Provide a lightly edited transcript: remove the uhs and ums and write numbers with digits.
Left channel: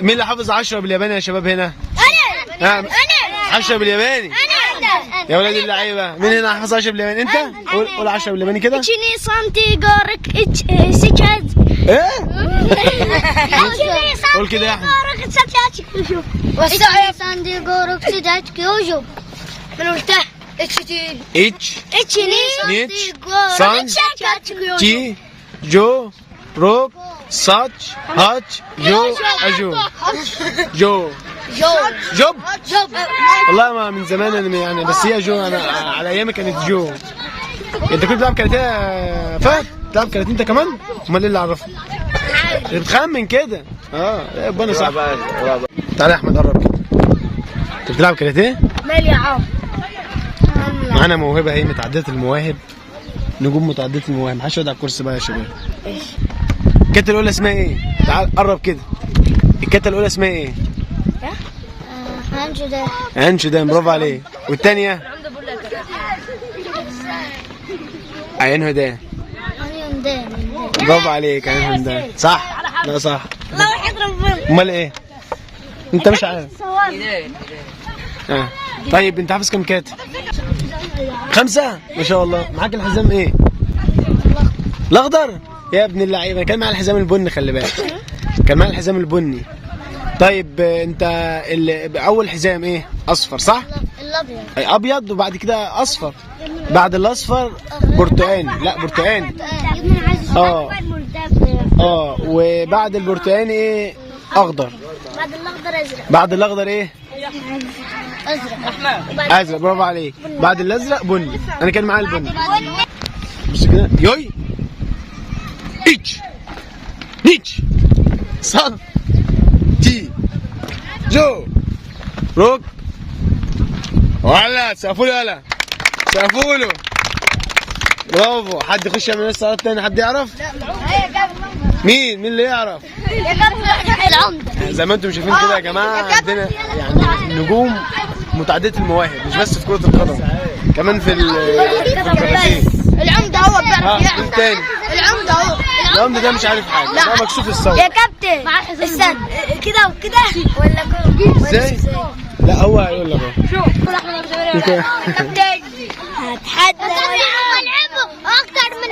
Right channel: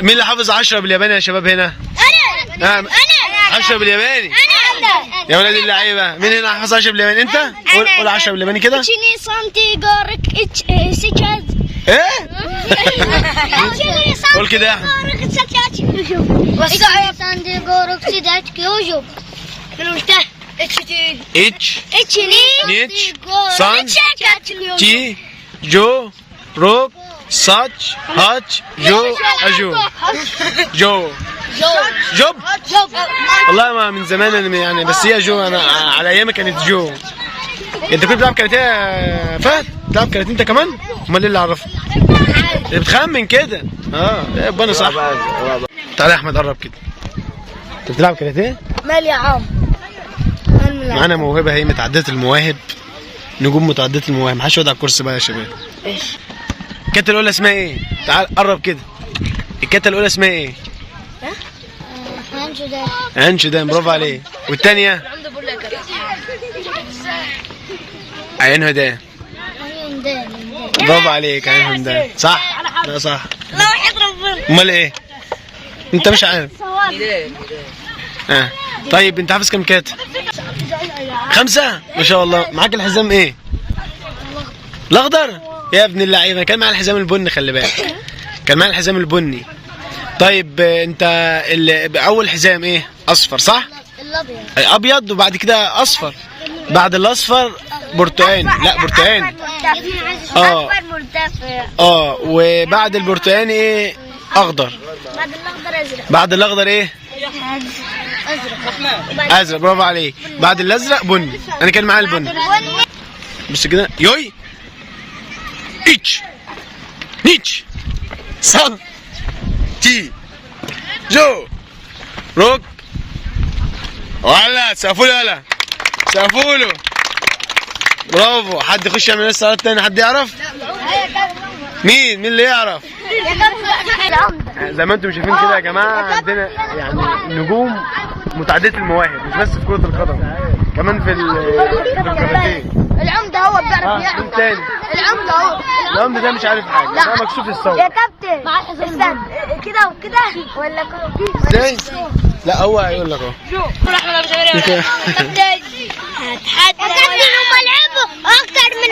مين اللي حافظ 10 بالياباني يا شباب هنا؟ انا 10 بالياباني. يا ولاد اللعيبه، مين هنا حافظ 10 بالياباني؟ انت؟ قول 10 بالياباني كده. اتشيني سانتي جارك سيكاز. ايه؟ قول كده يا احمد. اتشيني سانتي جارك سيدات كيوجو. من قلتها اتش اتشيني نيتش سان تي جو روك ساتش هاتش جو اجو جو جوب. والله ما من زمان انا يعني، بس هي جو، انا على ايامي كانت جو. انت كنت بتلعب كاراتيه يا فهد؟ بتلعب كاراتيه انت كمان؟ امال ايه اللي عرفك؟ بتخمن كده. يبقى انا صح. تعالى يا احمد قرب كده. انت بتلعب كاراتيه؟ مال يا عم. معانا موهبه هي متعدده المواهب، نجوم متعدده المواهب. محدش يقعد على الكرسي بقى يا شباب. الكتله الاولى اسمها ايه؟ تعال قرب كده. الكتله الاولى اسمها ايه؟ هانشدان. برافو عليك. والثانيه؟ عين هدان. برافو عليك. عين هدان صح؟ لا صح. امال ايه؟ انت مش عارف. طيب انت حافظ كام كاتب؟ 5 ما شاء الله. معاك الحزام ايه؟ الاخضر يا ابن اللعيبه. كان معايا الحزام البني، خلي بالك، كان معايا الحزام البني. طيب انت اول حزام ايه؟ اصفر صح؟ الابيض. ابيض وبعد كده اصفر، بعد الاصفر برتقاني. لا برتقاني. وبعد البرتقاني ايه؟ اخضر. بعد الاخضر ازرق. بعد الاخضر ايه؟ ازرق. برافو عليك. بعد الازرق بني. انا كان معايا البني. بص كده. يوي اتش نيتش سان تي جو روك. ولا سقفوله، يلا سقفوله. برافو. حد يخش يعمل الصلاه الثانيه؟ حد يعرف؟ مين اللي يعرف؟ زي ما انتم شايفين كده يا جماعه، عندنا يعني نجوم متعدده المواهب، مش بس في كره القدم، كمان في الكاراتيه. العمده هو بيعرف يلعب. مين تاني؟ العمده هو. العمده ده مش عارف حاجه، ده مكسوف الصوت. يا كابتن استنى كده وكده ولا ازاي؟ لا هو هيقول لك اهو. شوف احمد ابو زهير. هتحدى. هم لعبوا اكتر من